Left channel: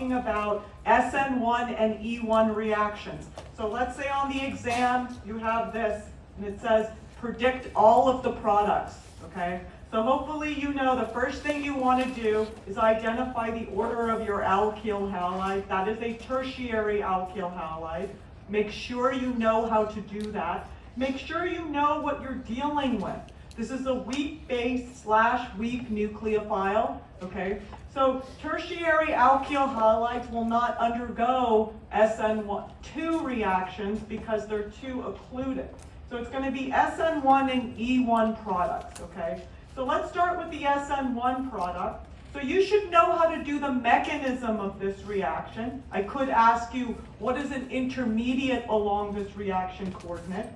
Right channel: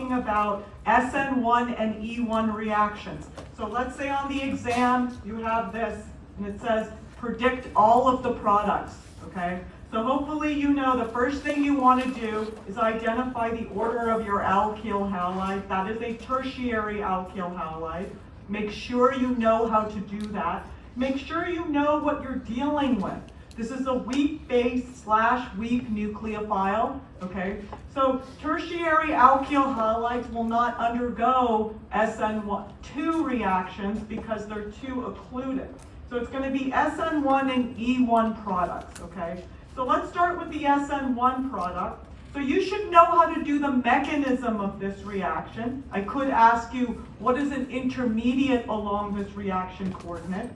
about SN1 and E1 reactions. So let's say on the exam you have this and it says predict all of the products, okay? So hopefully you know the first thing you want to do is identify the order of your alkyl halide. That is a tertiary alkyl halide. Make sure you know how to do that. Make sure you know what you're dealing with. This is a weak base / weak nucleophile, okay? So tertiary alkyl halides will not undergo SN2 reactions because they're too occluded. So it's going to be SN1 and E1 products, okay? So let's start with the SN1 product. So you should know how to do the mechanism of this reaction. I could ask you, what is an intermediate along this reaction coordinate?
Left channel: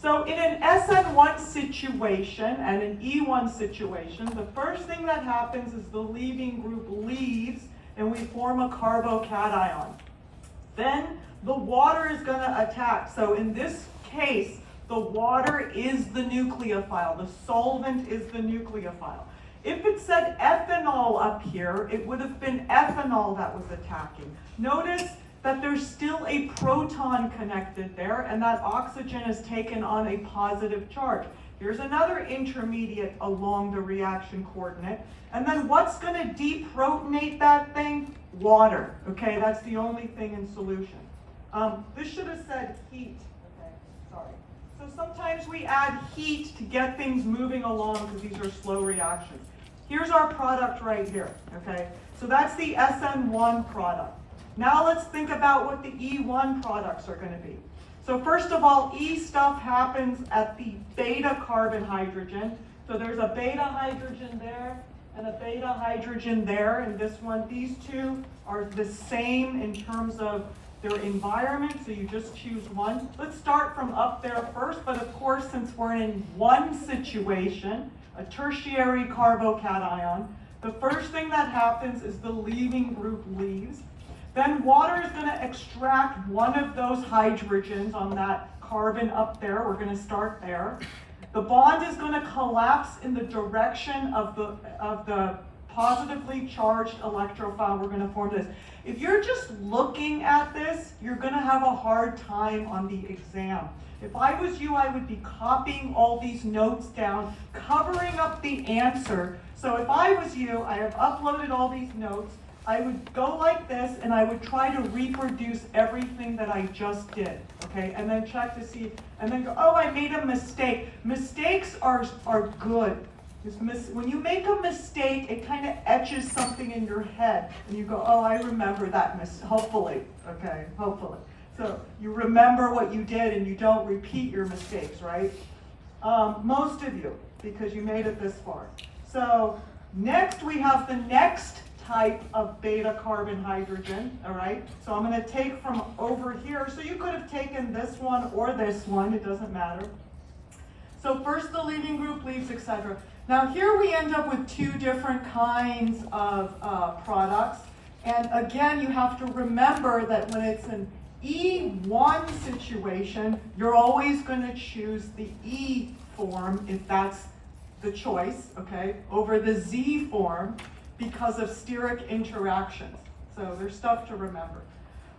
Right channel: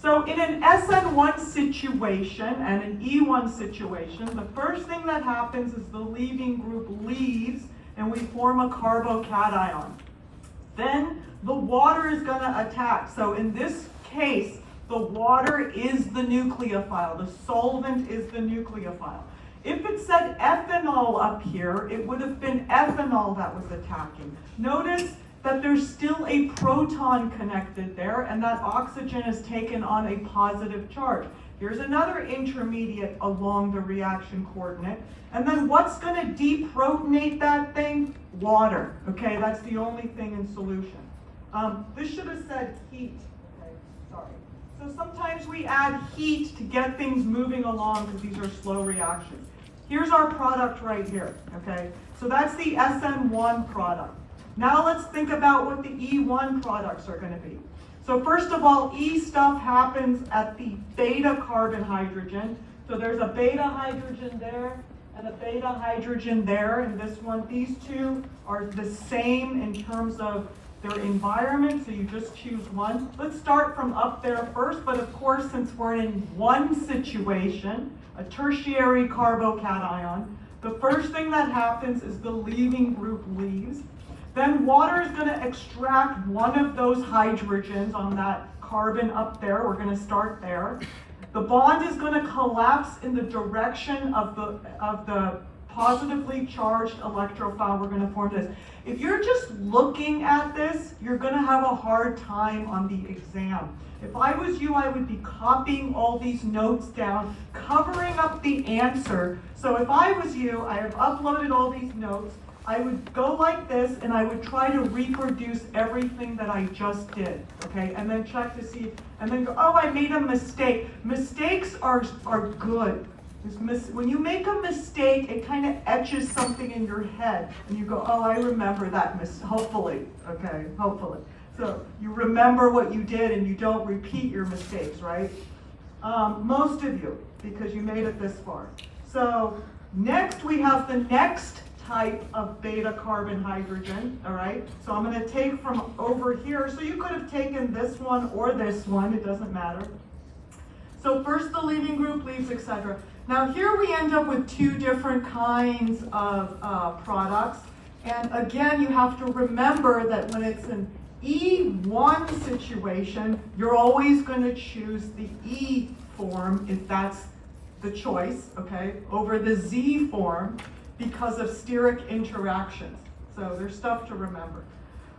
So in an SN1 situation and an E1 situation, the first thing that happens is the leaving group leaves and we form a carbocation. Then the water is going to attack. So in this case, the water is the nucleophile. The solvent is the nucleophile. If it said ethanol up here, it would have been ethanol that was attacking. Notice that there's still a proton connected there and that oxygen is taken on a positive charge. Here's another intermediate along the reaction coordinate. And then what's going to deprotonate that thing? Water. Okay, that's the only thing in solution. This should have said heat. Okay, sorry. So sometimes we add heat to get things moving along because these are slow reactions. Here's our product right here. Okay, so that's the SN1 product. Now let's think about what the E1 products are going to be. So first of all, E stuff happens at the beta carbon hydrogen. So there's a beta hydrogen there and a beta hydrogen there. And this one, these two are the same in terms of their environment, so you just choose one. Let's start from up there first, but of course, since we're in one situation, a tertiary carbocation, the first thing that happens is the leaving group leaves. Then water is going to extract one of those hydrogens on that carbon up there. We're going to start there. The bond is going to collapse in the direction of the positively charged electrophile. We're going to form this. If you're just looking at this, you're going to have a hard time on the exam. If I was you, I would be copying all these notes down, covering up the answer. So if I was you, I have uploaded all these notes. I would go like this and I would try to reproduce everything that I just did, okay? And then check to see, and then go, oh, I made a mistake. Mistakes are good. When you make a mistake, it kind of etches something in your head and you go, oh, I remember that hopefully, okay, hopefully. So you remember what you did and you don't repeat your mistakes, right? Most of you, because you made it this far. So next we have the next type of beta carbon hydrogen, all right? So I'm going to take from over here. So you could have taken this one or this one, it doesn't matter. So first the leaving group leaves, etc. Now here we end up with two different kinds of products. And again, you have to remember that when it's an E1 situation, you're always going to choose the E form if that's the choice, okay, over the Z form, because of steric interactions. So there's stuff to remember.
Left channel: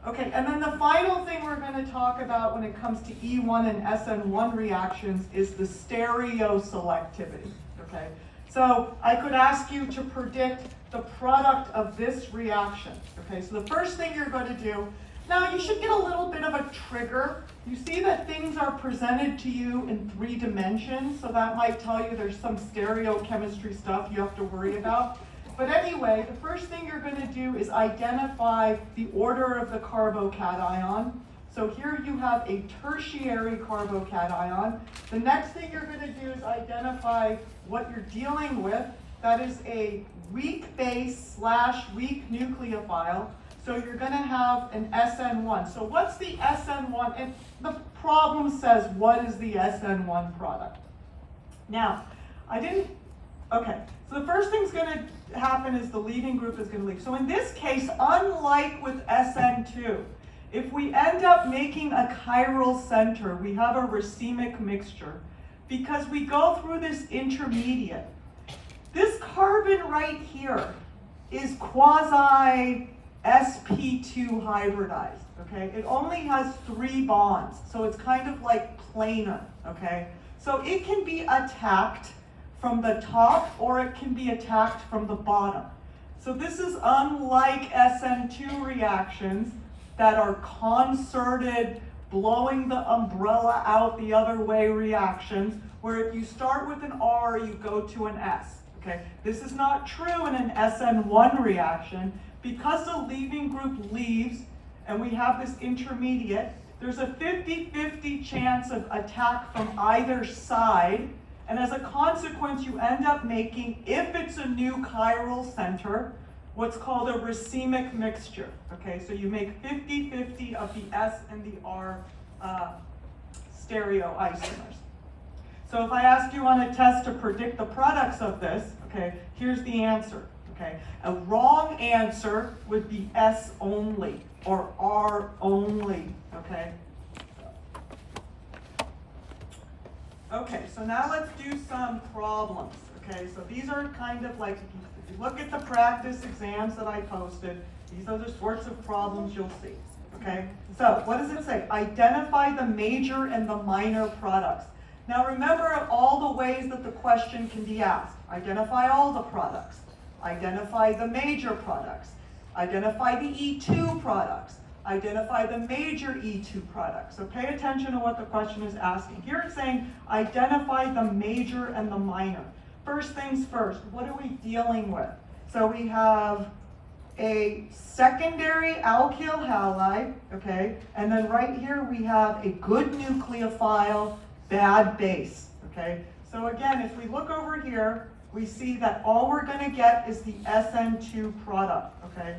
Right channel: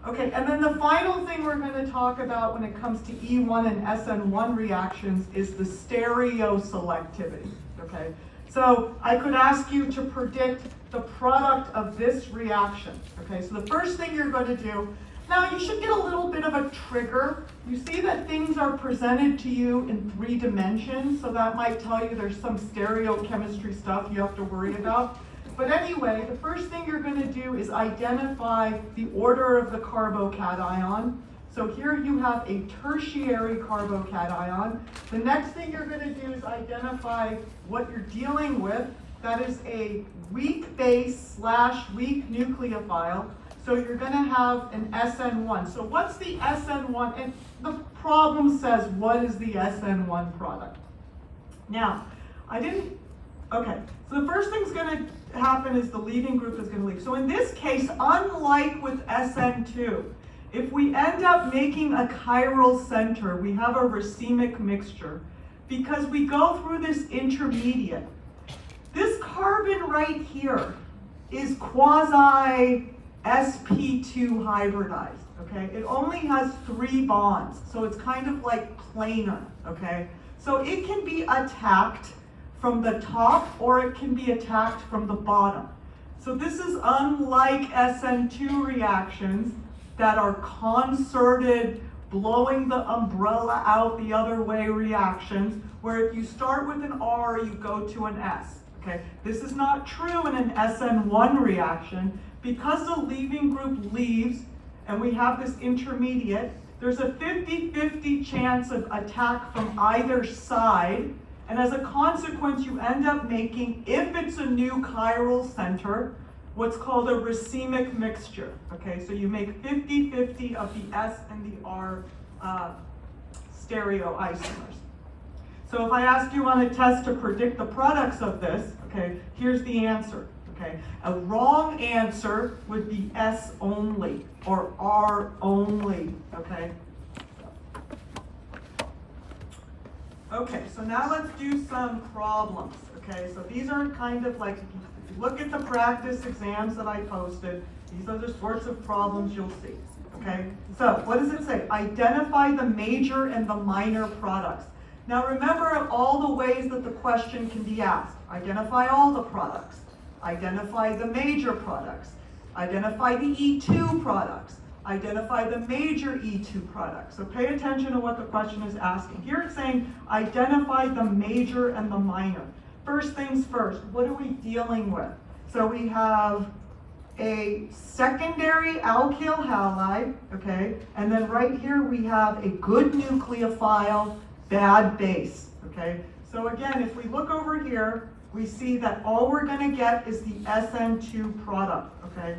Okay, and then the final thing we're going to talk about when it comes to E1 and SN1 reactions is the stereoselectivity. Okay, so I could ask you to predict the product of this reaction. Okay, so the first thing you're going to do, now you should get a little bit of a trigger. You see that things are presented to you in 3 dimensions, so that might tell you there's some stereochemistry stuff you have to worry about. But anyway, the first thing you're going to do is identify the order of the carbocation. So here you have a tertiary carbocation. The next thing you're going to do is identify what you're dealing with. That is a weak base / weak nucleophile. So you're going to have an SN1. So what's the SN1? And the problem says, what is the SN1 product? Now, okay, so the first thing's going to happen is the leaving group is going to leave. So in this case, unlike with SN2, if we end up making a chiral center, we have a racemic mixture because we go through this intermediate. This carbon right here is quasi sp2 hybridized, okay? It only has 3 bonds, so it's kind of like planar, okay? So it can be attacked from the top or it can be attacked from the bottom. So this is unlike SN2 reactions that are concerted, blowing the umbrella out the other way reactions, where if you start with an R, you go to an S, okay? This is not true in an SN1 reaction. Because the leaving group leaves, and we have this intermediate, there's a 50-50 chance of attack from either side, and as a consequence, you end up making, if it's a new chiral center, what's called a racemic mixture, okay? So you make 50-50 of the S and the R stereoisomers. So if I ask you on a test to predict the products of this, okay, here's the answer, okay? A wrong answer would be S only or R only, okay? Okay, so now let's do some problems, okay? So these are kind of like, if you look at the practice exams that I posted, these are the sorts of problems you'll see, okay? So what does it say? Identify the major and the minor products. Now remember all the ways that the question can be asked. Identify all the products. Identify the major products. Identify the E2 products. Identify the major E2 products. So pay attention to what the question is asking. Here it's saying identify the major and the minor. First things first, what are we dealing with? So we have a secondary alkyl halide, okay? And then right here we have a good nucleophile, bad base, okay? So again, if we look over here, we see that all we're gonna get is the SN2 product, okay?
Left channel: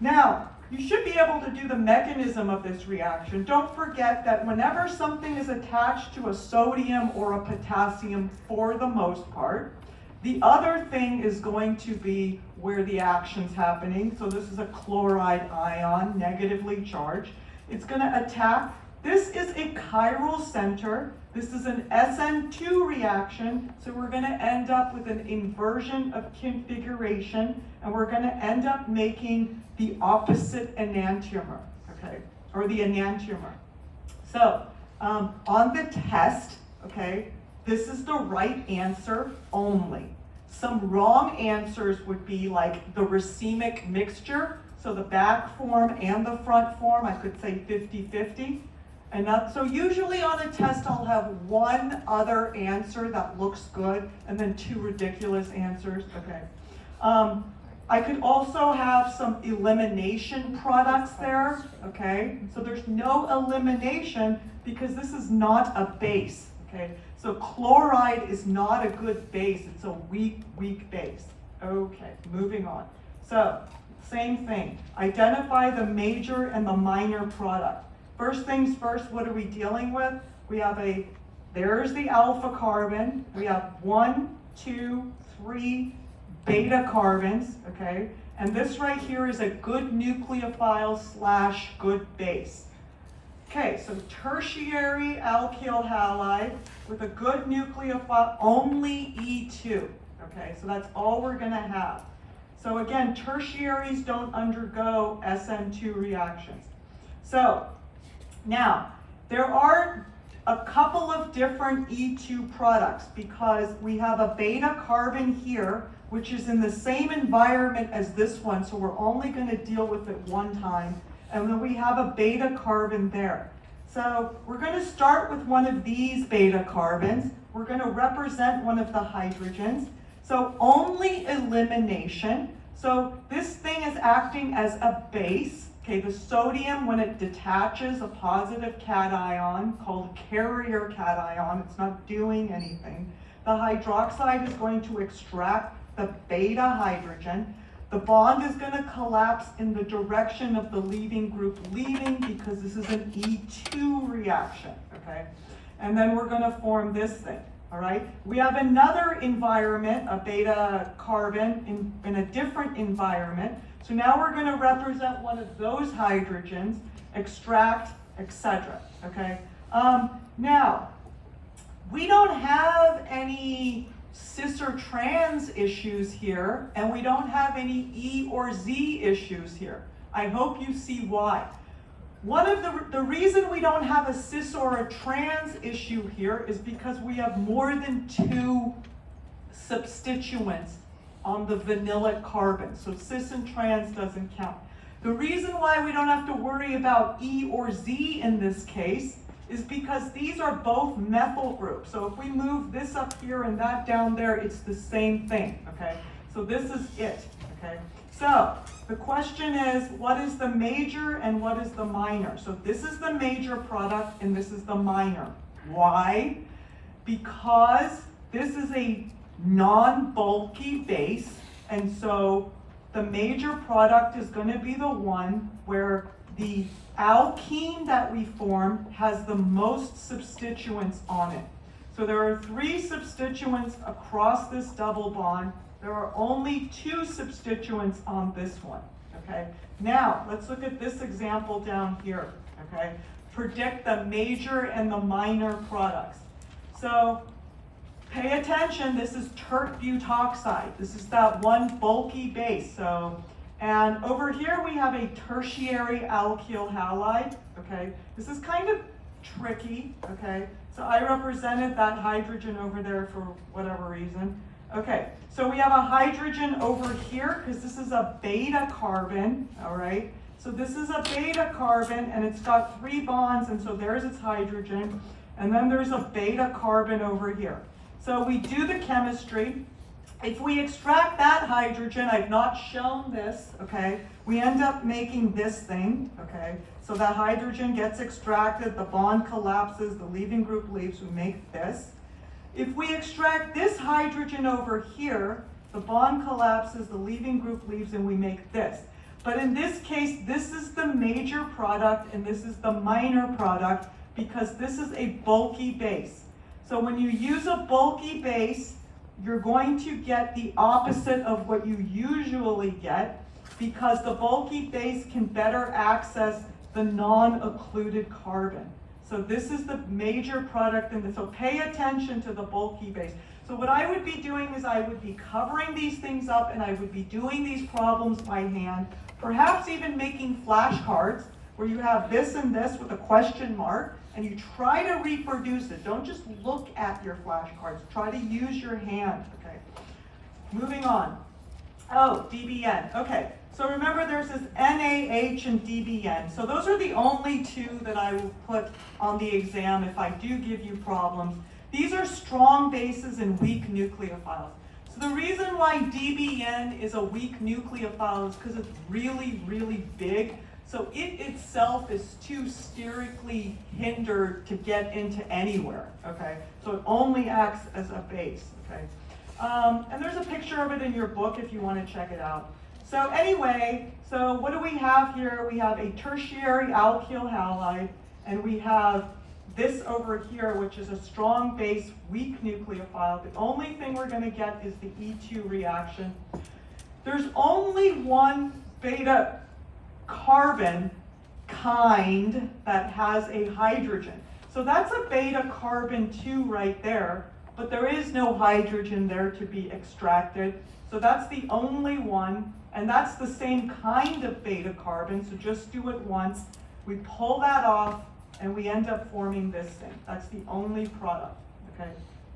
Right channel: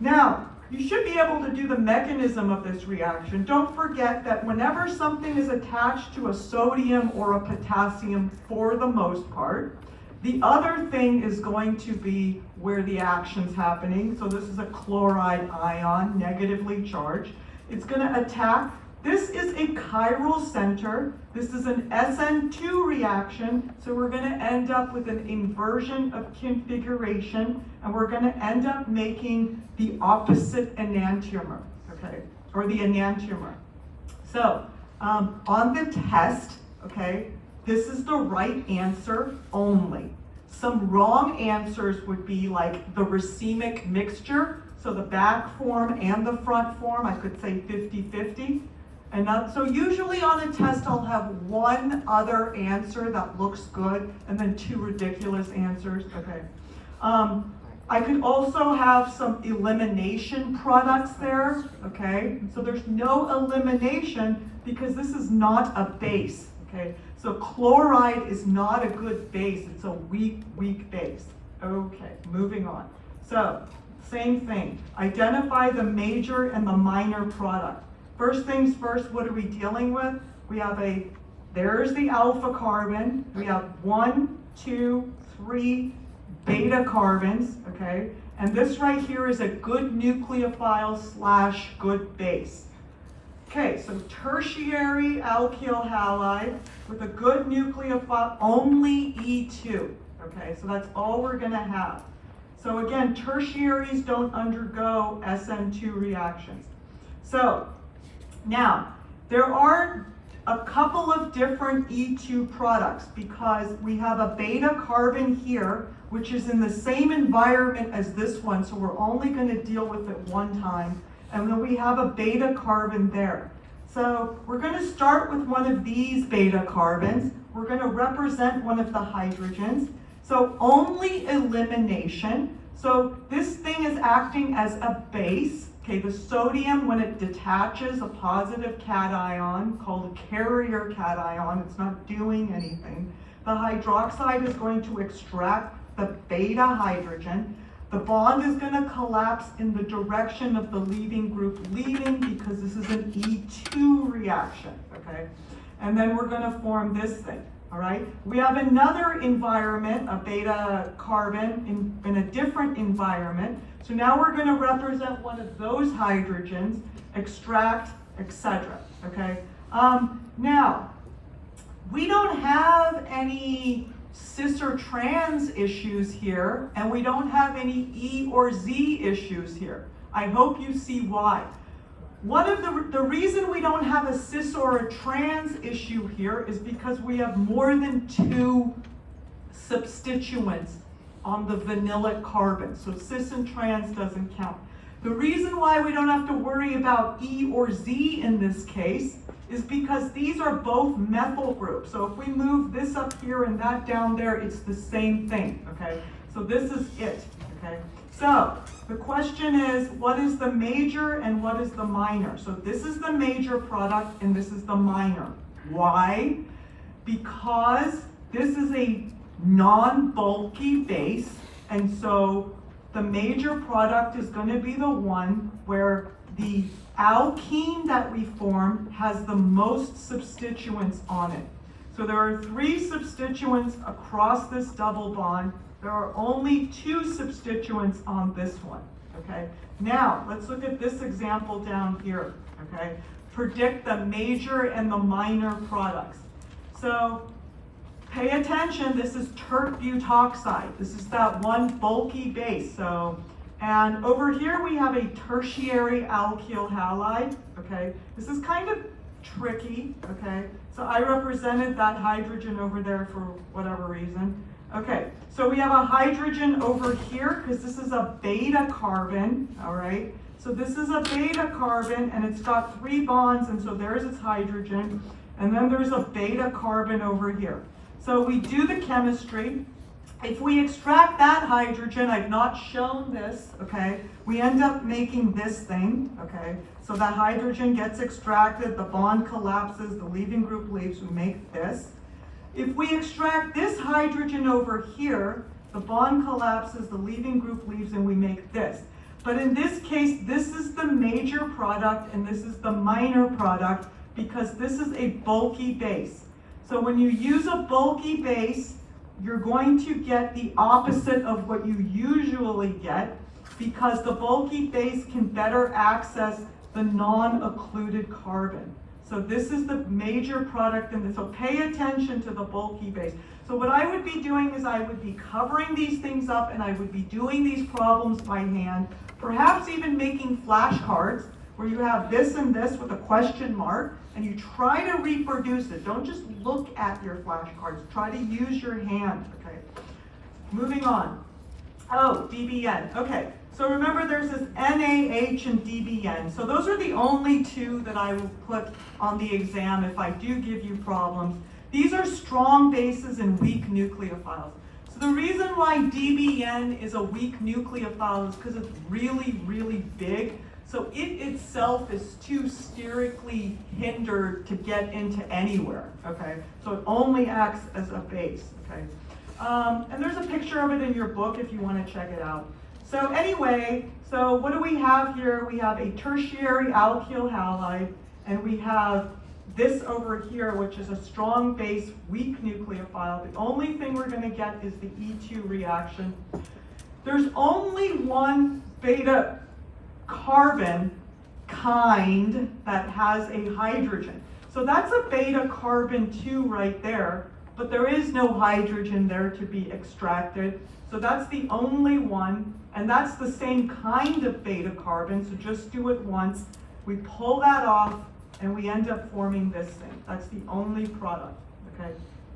Now, you should be able to do the mechanism of this reaction. Don't forget that whenever something is attached to a sodium or a potassium, for the most part, the other thing is going to be where the action's happening. So this is a chloride ion, negatively charged. It's gonna attack. This is a chiral center. This is an SN2 reaction, so we're going to end up with an inversion of configuration, and we're going to end up making the opposite enantiomer, okay, or the enantiomer. So on the test, okay, this is the right answer only. Some wrong answers would be like the racemic mixture, so the back form and the front form, I could say 50-50. And so usually on a test, I'll have one other answer that looks good and then 2 ridiculous answers, okay. I could also have some elimination products there, okay. So there's no elimination because this is not a base, okay. So chloride is not a good base, it's a weak base. Okay, moving on. So, same thing, identify the major and the minor product. First things first, what are we dealing with? We have there's the alpha carbon. We have 1, 2, 3 beta carbons, okay? And this right here is a good nucleophile / good base. Okay, so tertiary alkyl halide with a good nucleophile, only E2, okay? So that's all we're gonna have. So again, tertiaries don't undergo SN2 reactions. So, now, there are a couple of different E2 products because we have a beta carbon here, which is in the same environment as this one, so we're only going to deal with it one time. And then we have a beta carbon there. So we're going to start with one of these beta carbons. We're going to represent one of the hydrogens. So only elimination. So this thing is acting as a base. Okay, the sodium, when it detaches a positive cation called a carrier cation, it's not doing anything. The hydroxide is going to extract the beta hydrogen. The bond is going to collapse in the direction of the leaving group leaving because this is an E2 reaction, okay? And then we're going to form this thing, all right? We have another environment, a beta carbon in a different environment. So now we're going to represent one of those hydrogens, extract, etc. Okay? Now, we don't have any cis or trans issues here, and we don't have any E or Z issues here. I hope you see why. One of the reason we don't have a cis or a trans issue here is because we have more than 2 substituents on the vanilla carbon. So cis and trans doesn't count. The reason why we don't have to worry about E or Z in this case is because these are both methyl groups. So if we move this up here and that down there, it's the same thing, okay? So this is it, okay? So the question is, what is the major and what is the minor? So this is the major product and this is the minor. Why? Because this is a non-bulky base, and so the major product is going to be the one where the alkene that we form has the most substituents on it. So there are 3 substituents across this double bond. There are only 2 substituents on this one, okay? Now, let's look at this example down here, okay? Predict the major and the minor products. So, pay attention, this is tert butoxide. This is that one bulky base. So, and over here we have a tertiary alkyl halide, okay? This is kind of tricky, okay? So I represented that hydrogen over there for whatever reason. Okay, so we have a hydrogen over here because this is a beta carbon, all right? So this is a beta carbon and it's got 3 bonds, and so there's its hydrogen, and then there's a beta carbon over here. So we do the chemistry. If we extract that hydrogen, I've not shown this, okay, we end up making this thing, okay? So that hydrogen gets extracted, the bond collapses, the leaving group leaves, we make this. If we extract this hydrogen over here, the bond collapses, the leaving group leaves, and we make this. But in this case, this is the major product and this is the minor product because this is a bulky base. So when you use a bulky base, you're going to get the opposite of what you usually get because the bulky base can better access the non-occluded carbon. So this is the major product in this. So pay attention to the bulky base. So what I would be doing is I would be covering these things up and I would be doing these problems by hand, perhaps even making flashcards where you have this and this with a question mark and you try to reproduce it. Don't just look at your flashcards. Try to use your hand, okay? Moving on. Oh, DBN, okay. So remember there's this NaH and DBN. So those are the only 2 that I will put on the exam if I do give you problems. These are strong bases and weak nucleophiles. So the reason why DBN is a weak nucleophile is because it's really, really big. So it itself is too sterically hindered to get into anywhere, okay? So it only acts as a base, okay? And there's a picture of it in your book if you want to check it out. So anyway, so what do we have here? We have a tertiary alkyl halide, and we have this over here, which is a strong base, weak nucleophile. The only thing we're going to get is the E2 reaction. There's only one beta carbon kind that has a hydrogen. So that's a beta carbon 2 right there, but there is no hydrogen there to be extracted. So that's the only one, and that's the same kind of beta carbon, so just do it once. We pull that off, and we end up forming this thing. That's the only product, okay?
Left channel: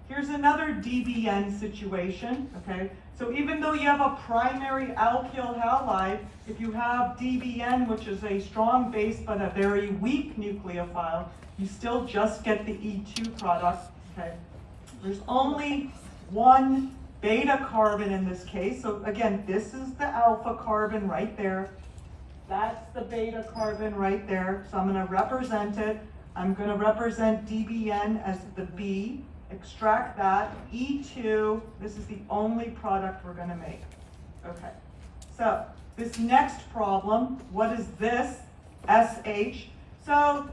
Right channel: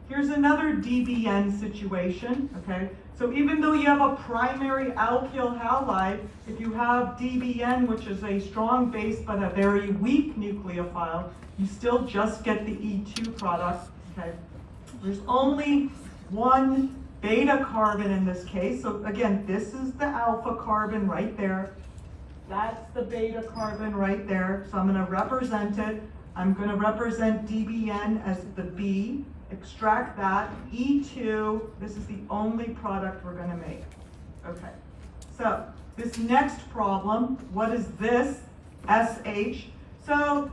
Here's another DBN situation, okay? So even though you have a primary alkyl halide, if you have DBN, which is a strong base but a very weak nucleophile, you still just get the E2 product, okay? There's only one beta carbon in this case. So again, this is the alpha carbon right there. That's the beta carbon right there. So I'm going to represent it. I'm going to represent DBN as the B. Extract that. E2, this is the only product we're going to make. Okay. So this next problem, what is this? SH. So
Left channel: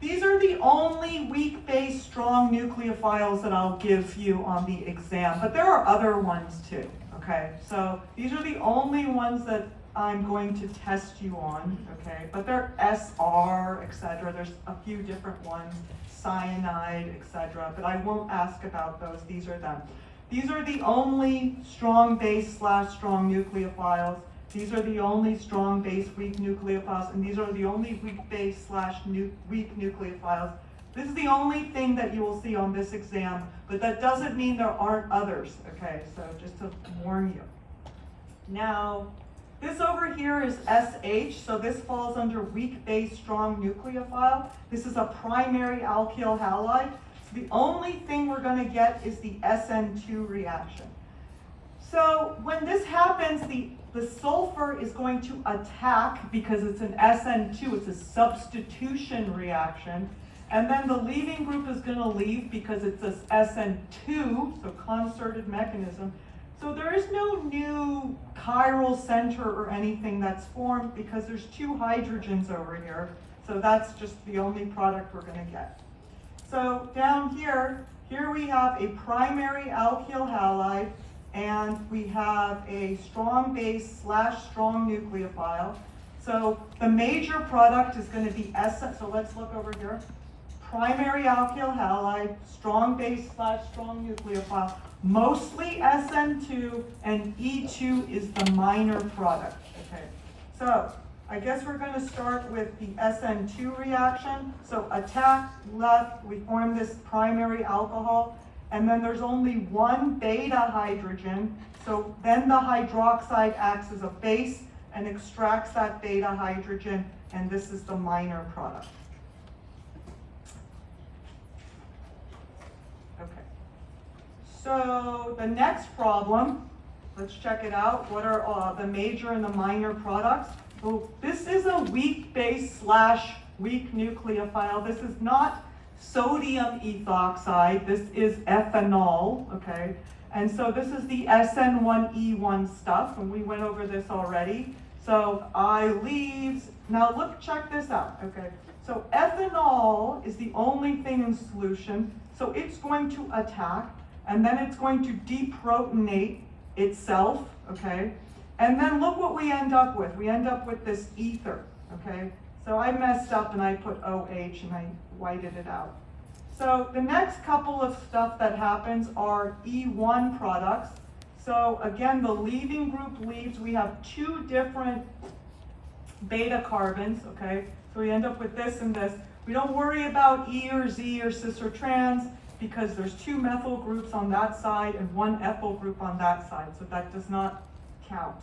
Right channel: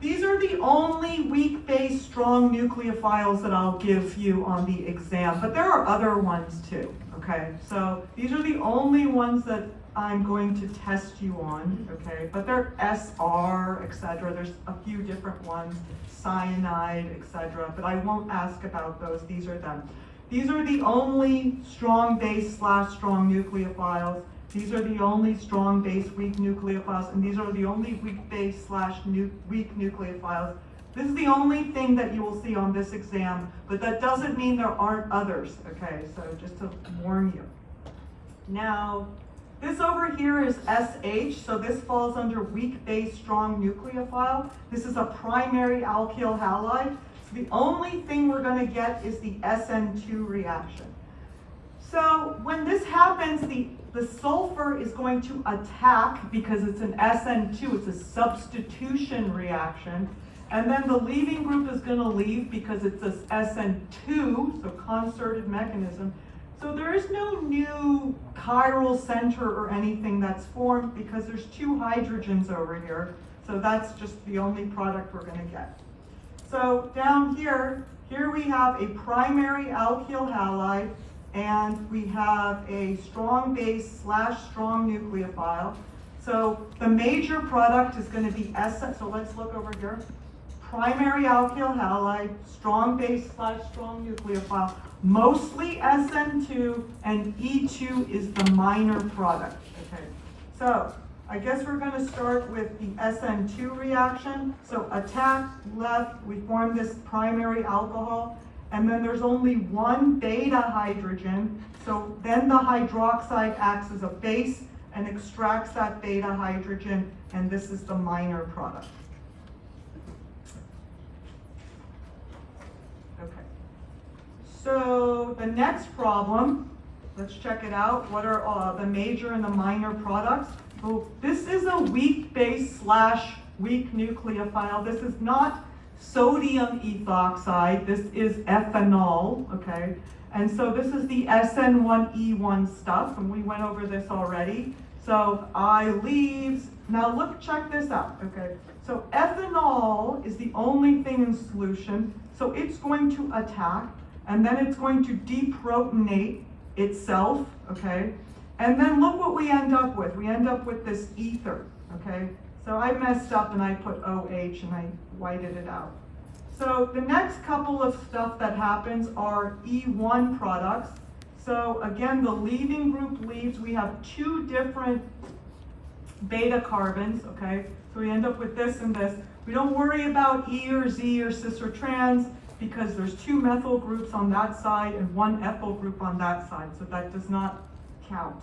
these are the only weak base strong nucleophiles that I'll give you on the exam, but there are other ones too, okay? So these are the only ones that I'm going to test you on, okay? But they're SR, etc. There's a few different ones, cyanide, etc. But I won't ask about those, these are them. These are the only strong base / strong nucleophiles, These are the only strong base weak nucleophiles, and these are the only weak base / weak nucleophiles. This is the only thing that you will see on this exam, but that doesn't mean there aren't others, okay? So just to warn you. Now, this over here is SH, so this falls under weak base strong nucleophile. This is a primary alkyl halide. So the only thing we're going to get is the SN2 reaction. So when this happens, the sulfur is going to attack because it's an SN2, it's a substitution reaction. And then the leaving group is going to leave because it's a SN2, so concerted mechanism. So there is no new chiral center or anything that's formed because there's two hydrogens over here. So that's just the only product we're going to get. So down here we have a primary alkyl halide, and we have a strong base / strong nucleophile. So the major product is going to be SN, so let's look over here. Primary alkyl halide, strong base / strong nucleophile, mostly SN2, and E2 is the minor product. Okay, so I guess we're going to start with the SN2 reaction. So attack, left, we form this primary alcohol, and then there's only one beta hydrogen, so then the hydroxide acts as a base and extracts that beta hydrogen, and this is the minor product. Okay, so the next problem, let's check it out. What are the major and the minor products? So this is a weak base / weak nucleophile. This is not sodium ethoxide, this is ethanol, okay? And so this is the SN1E1 stuff, and we went over this already. So I leaves, now look, check this out, okay? So ethanol is the only thing in solution, so it's going to attack, and then it's going to deprotonate itself, okay? And then look what we end up with. We end up with this ether, okay? So I messed up and I put OH and I whited it out. So the next couple of stuff that happens are E1 products. So again, the leaving group leaves. We have two different beta carbons, okay? So we end up with this and this. We don't worry about E or Z or cis or trans because there's two methyl groups on that side and one ethyl group on that side. So that does not count.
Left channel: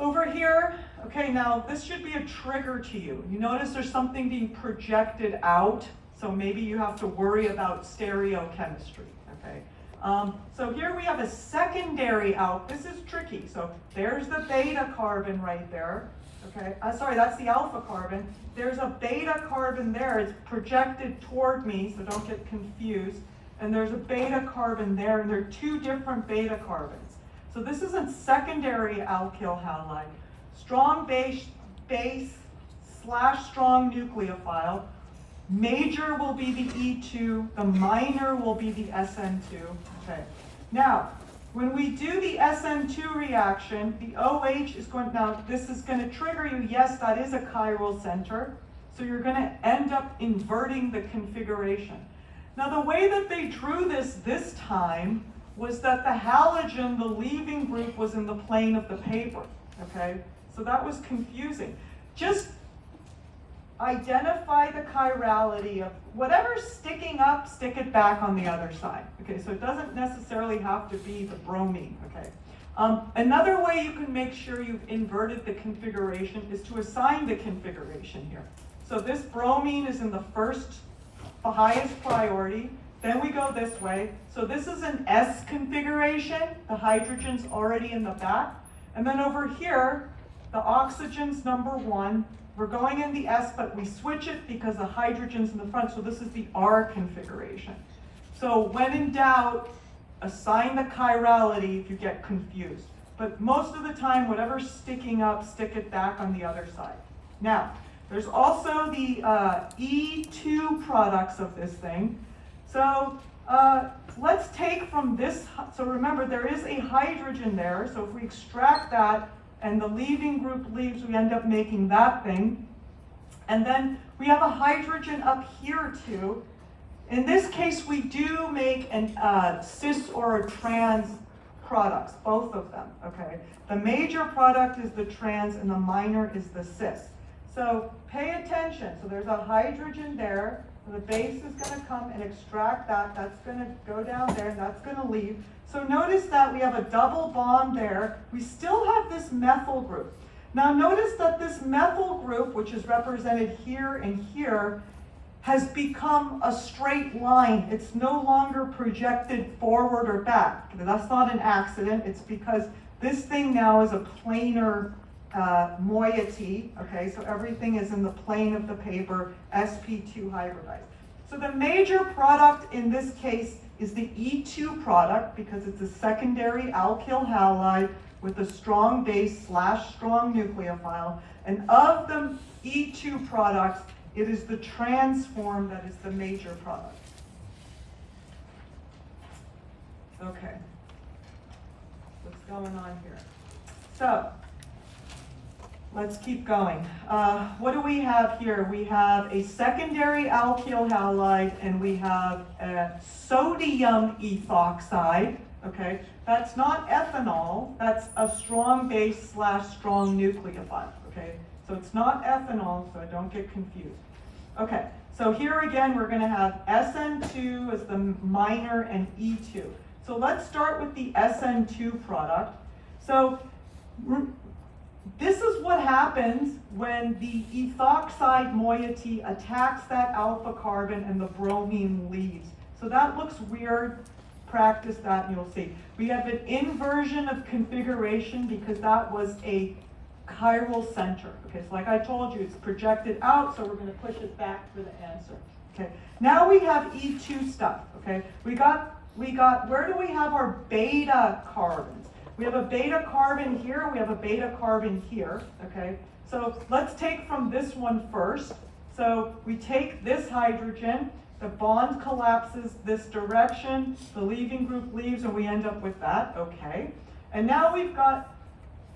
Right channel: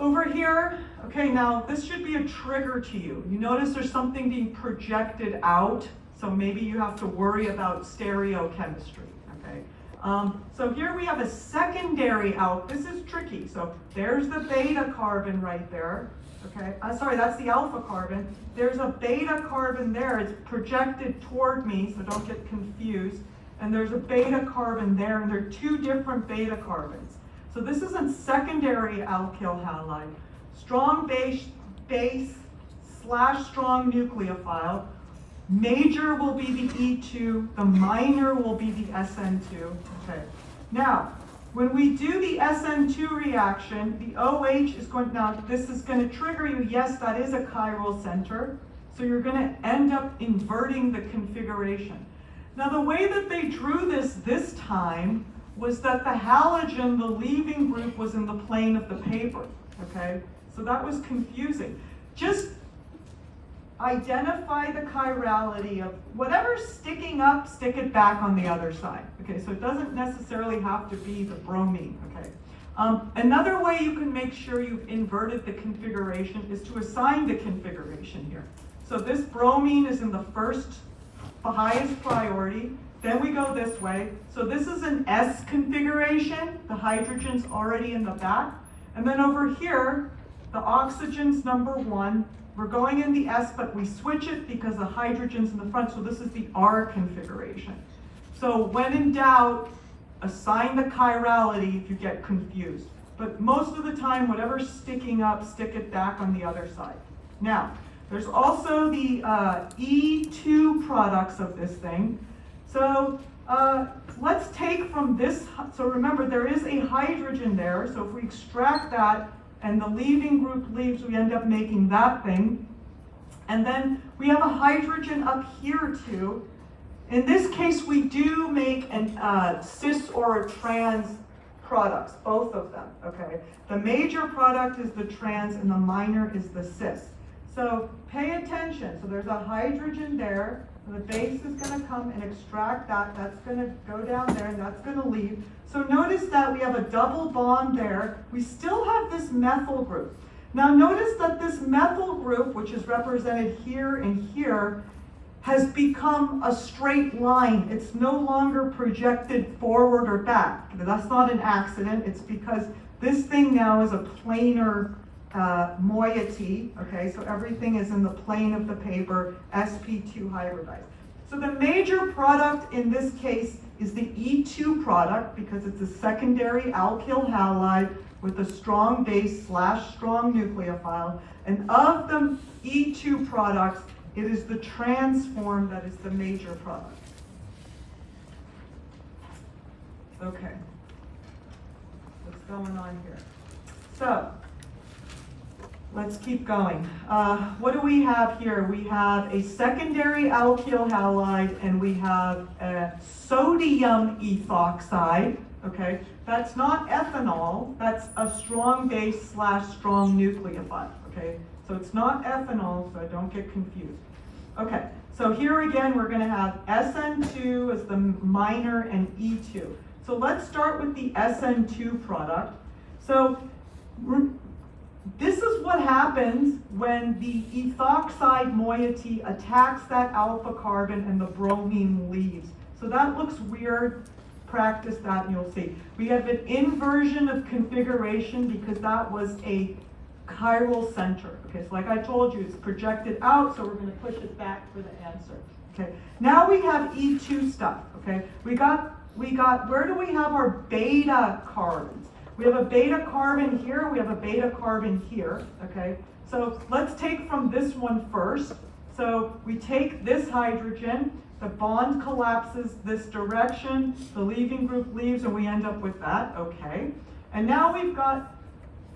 Over here, okay, now this should be a trigger to you. You notice there's something being projected out, so maybe you have to worry about stereochemistry, okay? So here we have a secondary out. This is tricky. So there's the beta carbon right there, okay? Sorry, that's the alpha carbon. There's a beta carbon there. It's projected toward me, so don't get confused. And there's a beta carbon there, and there are two different beta carbons. So this is a secondary alkyl halide. Strong base / strong nucleophile. Major will be the E2, the minor will be the SN2. Okay. Now, when we do the SN2 reaction, the OH is going, now this is going to trigger you, yes, that is a chiral center. So you're going to end up inverting the configuration. Now the way that they drew this time was that the halogen, the leaving group, was in the plane of the paper, okay? So that was confusing. Just identify the chirality of whatever's sticking up, stick it back on the other side, okay? So it doesn't necessarily have to be the bromine, okay? Another way you can make sure you've inverted the configuration is to assign the configuration here. So this bromine is in the highest priority. Then we go this way. So this is an S configuration. The hydrogen's already in the back. And then over here, the oxygen's number 1. We're going in the S, but we switch it because the hydrogen's in the front. So this is the R configuration. So when in doubt, assign the chirality if you get confused. But most of the time, whatever's sticking up, stick it back on the other side. Now, there's also the E2 products of this thing. So let's take from this, so remember there is a hydrogen there, so if we extract that and the leaving group leaves, we end up making that thing. And then we have a hydrogen up here too. In this case, we do make an cis or a trans products, both of them, okay? The major product is the trans and the minor is the cis. So pay attention. So there's a hydrogen there. The base is going to come and extract that. That's going to go down there and that's going to leave. So notice that we have a double bond there. We still have this methyl group. Now notice that this methyl group, which is represented here and here, has become a straight line. It's no longer projected forward or back. That's not an accident. It's because this thing now is a planar moiety, okay? So everything is in the plane of the paper, sp2 hybridized. So the major product in this case is the E2 product because it's a secondary alkyl halide with a strong base / strong nucleophile. And of the E2 products, it is the trans form that is the major product. Okay. What's going on here? So, let's keep going. What do we have here? We have a secondary alkyl halide and we have a sodium ethoxide, okay? That's not ethanol, that's a strong base / strong nucleophile, okay? So it's not ethanol, so don't get confused. Okay, so here again we're gonna have SN2 as the minor and E2. So let's start with the SN2 product. So this is what happens when the ethoxide moiety attacks that alpha carbon and the bromine leaves. So that looks weird. Practice that and you'll see. We have an inversion of configuration because that was a chiral center. Okay, so like I told you, it's projected out, so we're going to push it back for the answer. Okay, now we have E2 stuff. Okay, we got, where do we have our beta carbons? We have a beta carbon here, we have a beta carbon here, okay? So let's take from this one first. So we take this hydrogen, the bond collapses this direction, the leaving group leaves, and we end up with that, okay? And now we've got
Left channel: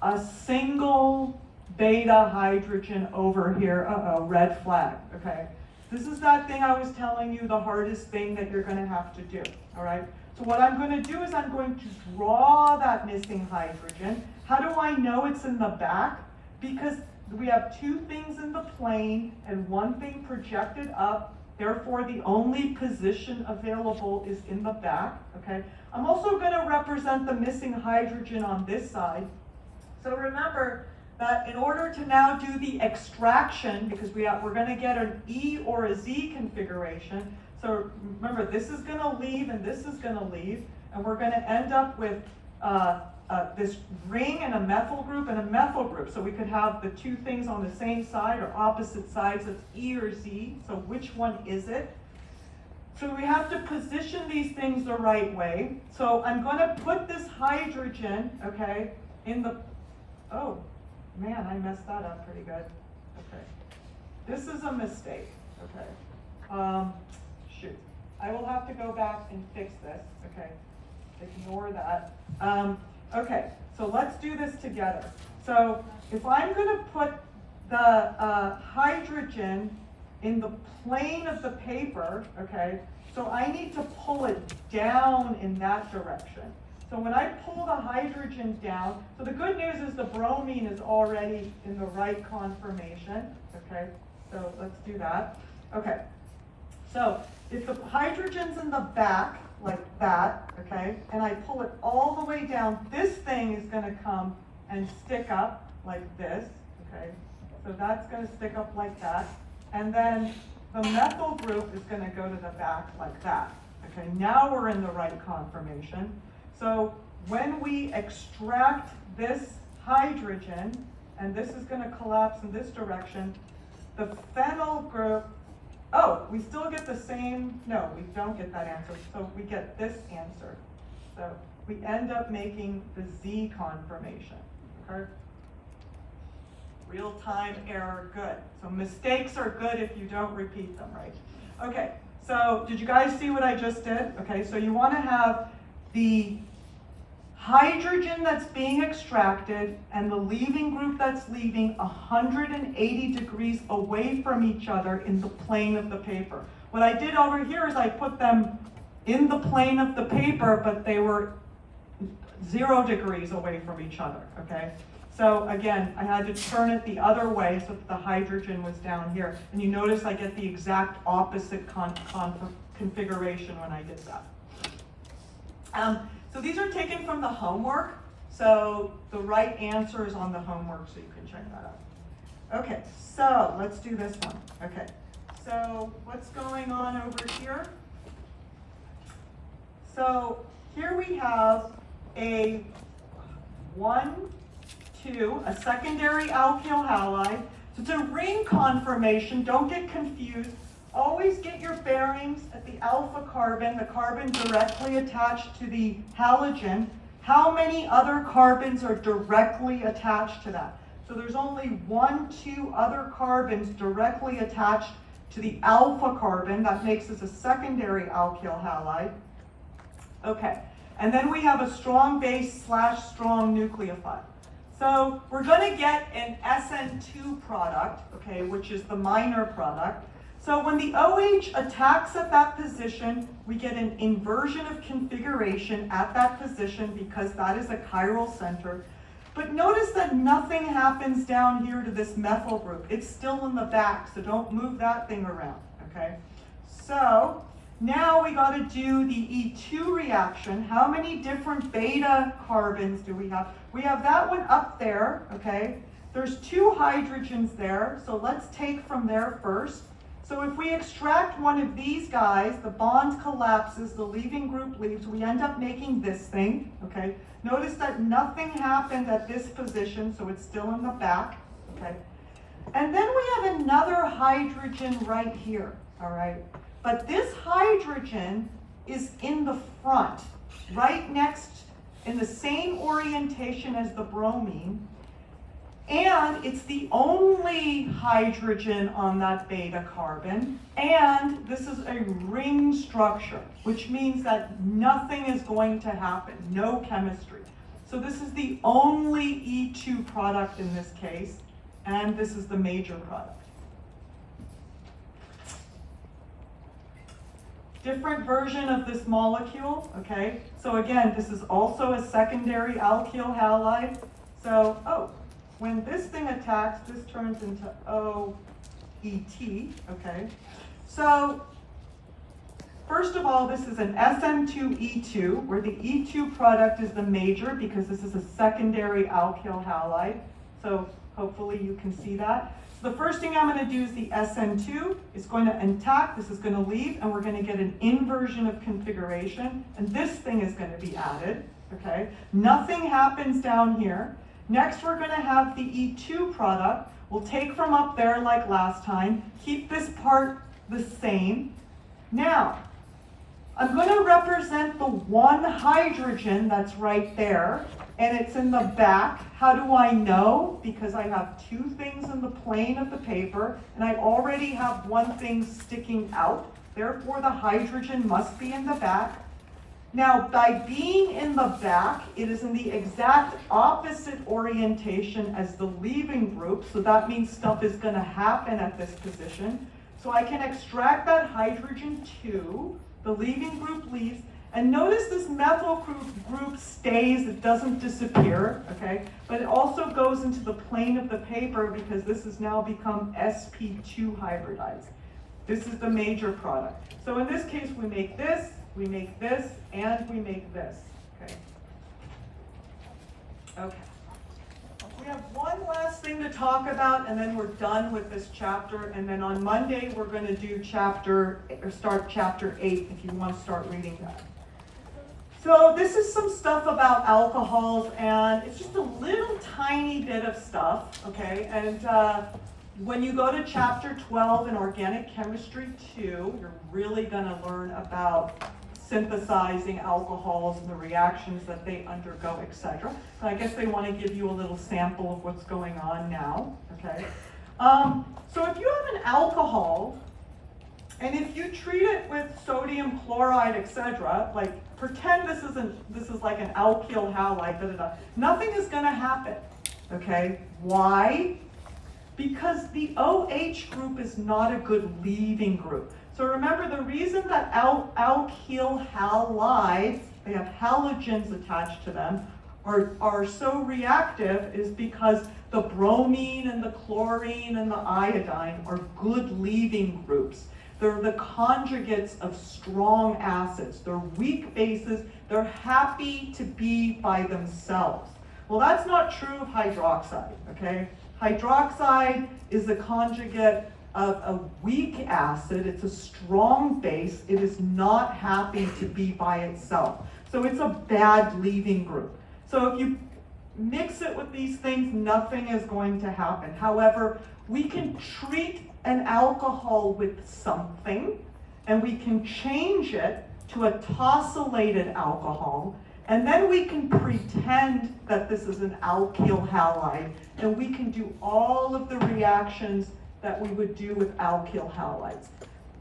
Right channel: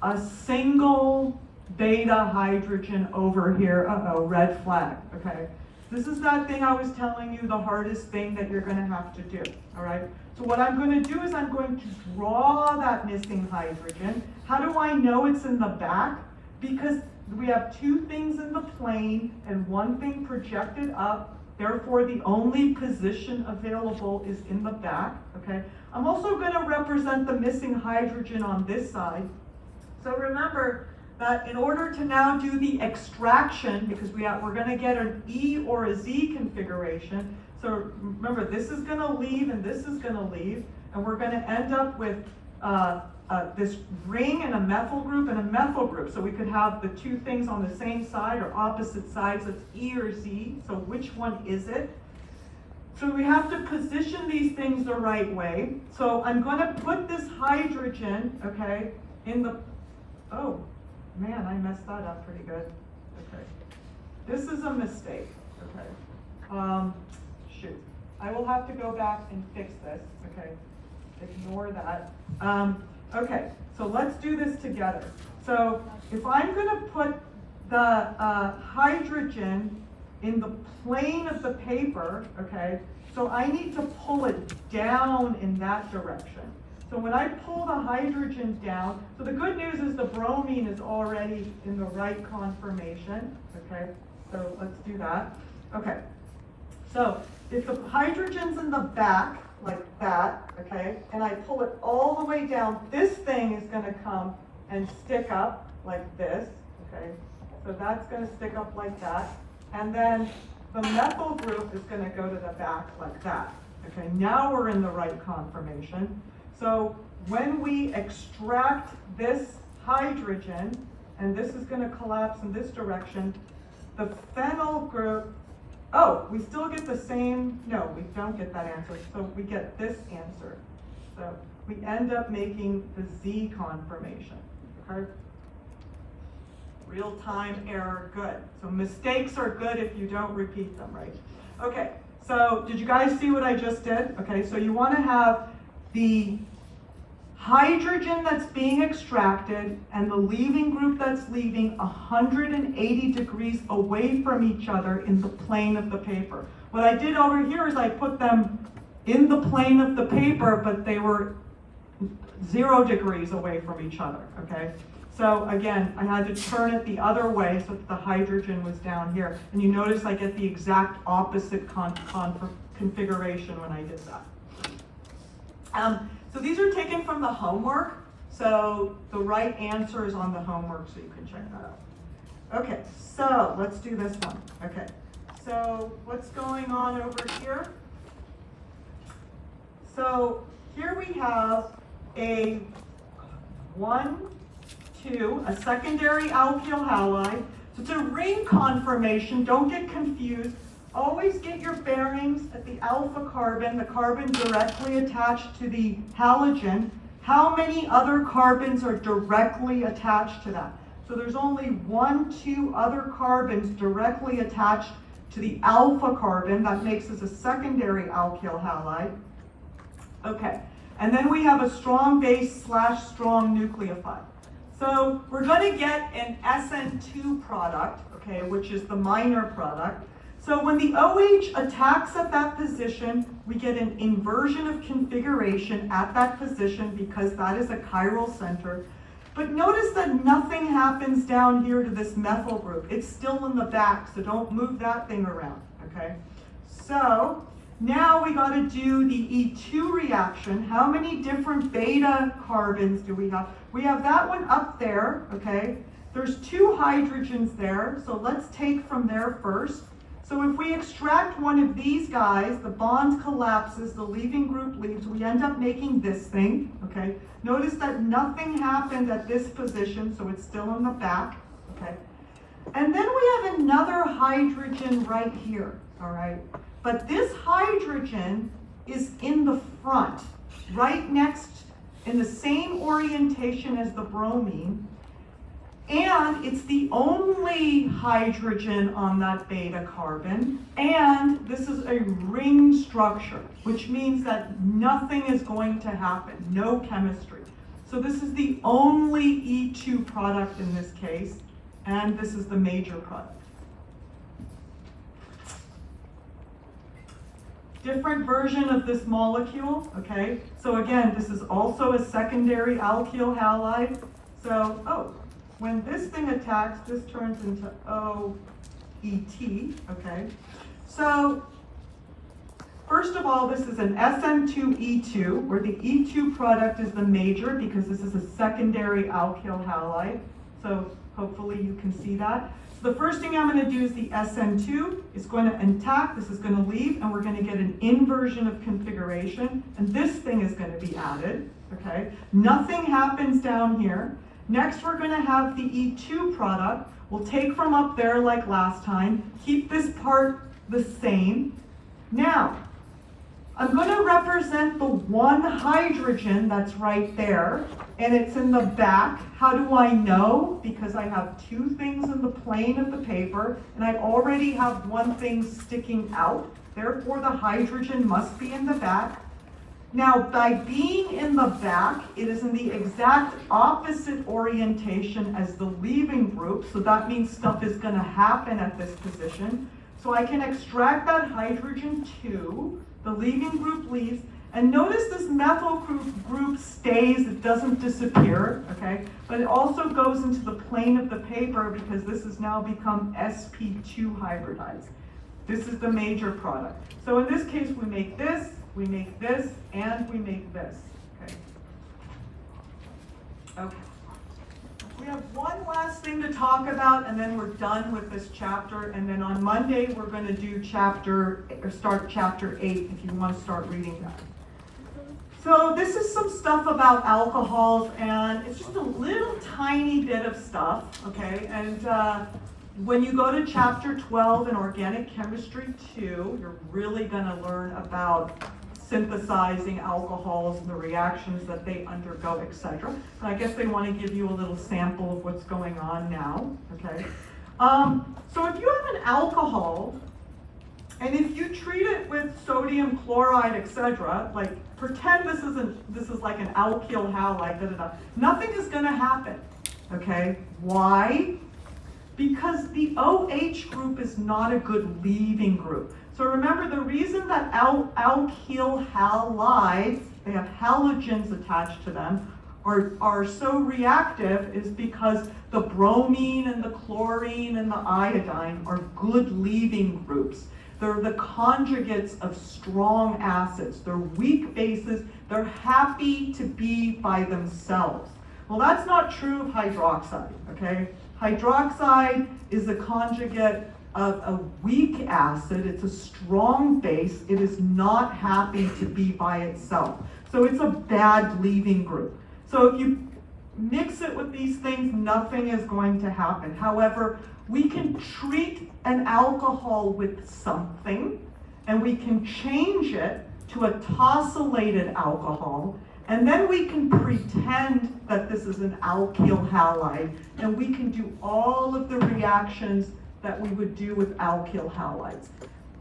a single beta hydrogen over here, red flag, okay? This is that thing I was telling you, the hardest thing that you're gonna have to do, all right? So what I'm going to do is I'm going to draw that missing hydrogen. How do I know it's in the back? Because we have two things in the plane and one thing projected up. Therefore, the only position available is in the back, okay? I'm also going to represent the missing hydrogen on this side. So remember that in order to now do the extraction, because we're going to get an E or a Z configuration, so remember, this is going to leave and this is going to leave, and we're going to end up with this ring and a methyl group and a methyl group. So we could have the two things on the same side or opposite sides. It's E or Z. So which one is it? So we have to position these things the right way. So I'm going to put this hydrogen, okay, in the, oh man, I messed that up pretty good. Okay, this is a mistake. Okay. Shoot. I will have to go back and fix this, okay? Ignore that. Okay, so let's do this together. So if I'm gonna put the hydrogen in the plane of the paper, okay, so I need to pull it down in that direction. So when I pull the hydrogen down, so the good news is the bromine is already in the right conformation, okay? So let's do that. Okay, so if the hydrogen's in the back, like that, okay, and I pull it all the way down, this thing is going to come and stick up like this, okay? So that's going to stick up like that. And then the methyl group is going to go to the back like that, okay? Now we're in the right conformation. So when we extract this hydrogen, and this is going to collapse in this direction, the phenyl group, oh, we still get the same, no, we don't get that answer, so we get this answer. So we end up making the Z conformation, okay? Real-time error, good. So mistakes are good if you don't repeat them, right? Okay, so did you guys see what I just did? Okay, so you want to have the hydrogen that's being extracted and the leaving group that's leaving 180 degrees away from each other in the plane of the paper. What I did over here is I put them in the plane of the paper, but they were 0 degrees away from each other, okay? So again, I had to turn it the other way so that the hydrogen was down here. And you notice I get the exact opposite configuration when I did that. So these are taken from the homework. So the right answer is on the homework, so you can check that out. Okay, so let's do this one. Okay, so what's going on over here? So here we have a 1, 2, a secondary alkyl halide. So it's a ring conformation. Don't get confused. Always get your bearings at the alpha carbon, the carbon directly attached to the halogen. How many other carbons are directly attached to that? So there's only 1, 2 other carbons directly attached to the alpha carbon. That makes us a secondary alkyl halide. Okay, and then we have a strong base / strong nucleophile. So we're going to get an SN2 product, okay, which is the minor product. So when the OH attacks at that position, we get an inversion of configuration at that position because that is a chiral center. But notice that nothing happens down here to this methyl group. It's still in the back, so don't move that thing around, okay? So now we got to do the E2 reaction. How many different beta carbons do we have? We have that one up there, okay? There's 2 hydrogens there, so let's take from there first. So if we extract one of these guys, the bond collapses, the leaving group leaves, we end up making this thing, okay? Notice that nothing happened at this position, so it's still in the back, okay? And then we have another hydrogen right here, all right? But this hydrogen is in the front, right next, in the same orientation as the bromine. And it's the only hydrogen on that beta carbon. And this is a ring structure, which means that nothing is going to happen, no chemistry. So this is the only E2 product in this case, and this is the major product. Different version of this molecule, okay? So again, this is also a secondary alkyl halide. So, when this thing attacks, this turns into OET, okay? So, first of all, this is an SN2E2, where the E2 product is the major because this is a secondary alkyl halide. So, hopefully you can see that. So the first thing I'm going to do is the SN2 is going to attack, this is going to leave, and we're going to get an inversion of configuration, and this thing is going to be added, okay? Nothing happens down here. Next, we're going to have the E2 product. We'll take from up there like last time, keep this part the same. Now, I'm going to represent the 1 hydrogen that's right there, and it's in the back. How do I know? Because I have 2 things in the plane of the paper, and I already have 1 thing sticking out. Therefore, the hydrogen must be in the back. Now, by being in the back, it is in the exact opposite orientation as the leaving group, so that means stuff is going to happen at this position. So I can extract that hydrogen 2, the leaving group leaves, and notice this methyl group stays, it doesn't disappear, okay? But it also goes into the plane of the paper because this has now become sp2 hybridides. This is the major product. So in this case, we make this, and we make this, okay? Okay. We have one last thing to talk about, and then we're done with this chapter, and then on Monday, we're going to do start chapter 8 if you want to start reading that. So this is some stuff about alcohols, and it's just a little tiny bit of stuff, okay? And when you go to chapter 12 in Organic Chemistry 2, you're really going to learn about synthesizing alcohols and the reactions that they undergo, etc. So I guess they want to give you a little sample of what's going on now, okay? So if you have an alcohol, and if you treat it with sodium chloride, etc., like pretend this is like an alkyl halide, nothing is going to happen, okay? Why? Because the OH group is not a good leaving group. So remember, the reason that alkyl halides they have halogens attached to them, are so reactive is because the bromine and the chlorine and the iodine are good leaving groups. They're the conjugates of strong acids. They're weak bases. They're happy to be by themselves. Well, that's not true of hydroxide, okay? Hydroxide is a conjugate of a weak acid. It's a strong base. It is not happy to be by itself. So it's a bad leaving group. So if you mix it with these things, nothing is going to happen. However, we can treat an alcohol with something, and we can change it to a tosylated alcohol, and then we can pretend that this is an alkyl halide, and we can do all of the reactions that we would do with alkyl halides.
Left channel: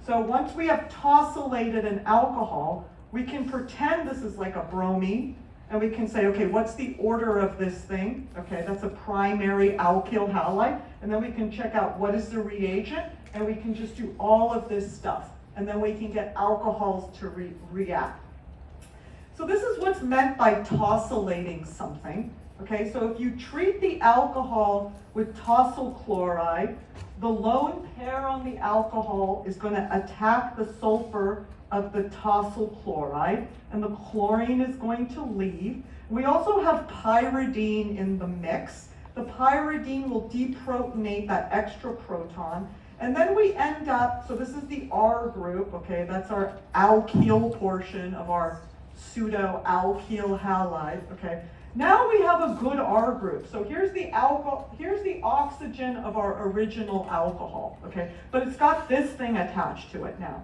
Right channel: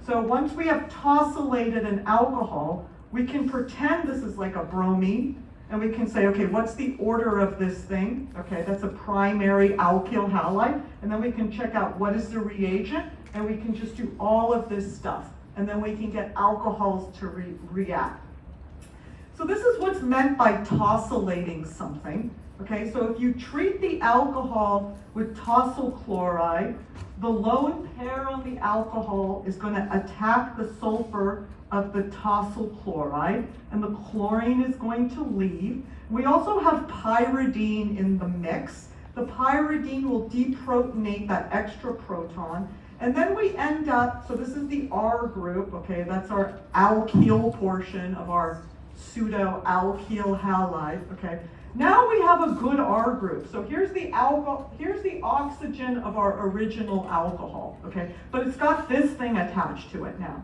So once we have tosylated an alcohol, we can pretend this is like a bromine, and we can say, okay, what's the order of this thing? Okay, that's a primary alkyl halide. And then we can check out what is the reagent, and we can just do all of this stuff. And then we can get alcohols to react. So this is what's meant by tosylating something. Okay, so if you treat the alcohol with tosyl chloride, the lone pair on the alcohol is going to attack the sulfur of the tosyl chloride, and the chlorine is going to leave. We also have pyridine in the mix. The pyridine will deprotonate that extra proton, and then we end up, so this is the R group, okay, that's our alkyl portion of our pseudo-alkyl halide, okay. Now we have a good R group. So here's the oxygen of our original alcohol, okay, but it's got this thing attached to it now.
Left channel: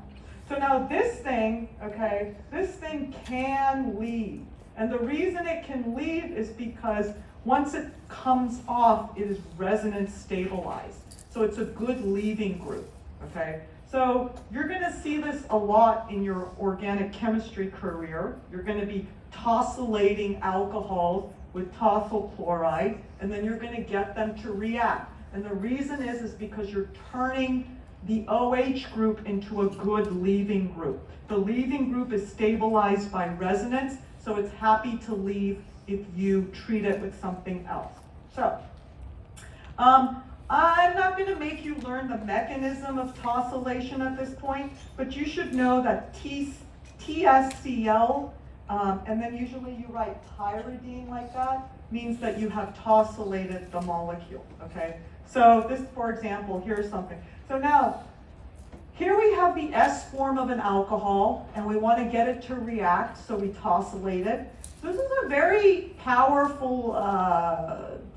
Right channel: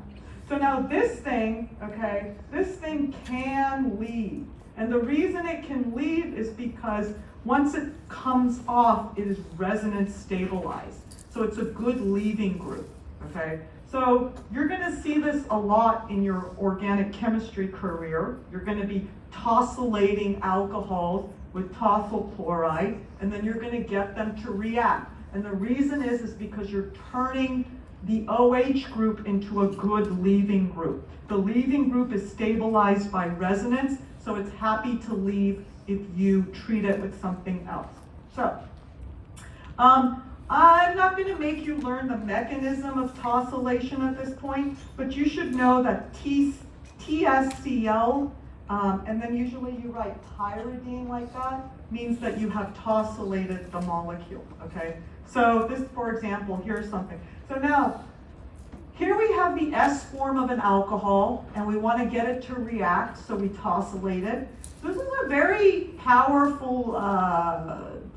So now this thing, okay, this thing can leave. And the reason it can leave is because once it comes off, it is resonance stabilized. So it's a good leaving group, okay? So you're gonna see this a lot in your organic chemistry career. You're gonna be tosylating alcohols with tosyl chloride, and then you're gonna get them to react. And the reason is because you're turning the OH group into a good leaving group. The leaving group is stabilized by resonance, so it's happy to leave if you treat it with something else. So, I'm not going to make you learn the mechanism of tosylation at this point, but you should know that TSCL, and then usually you write pyridine like that, means that you have tosylated the molecule, okay? So this, for example, here's something. So now, here we have the S form of an alcohol, and we want to get it to react, so we tosylate it. This is a very powerful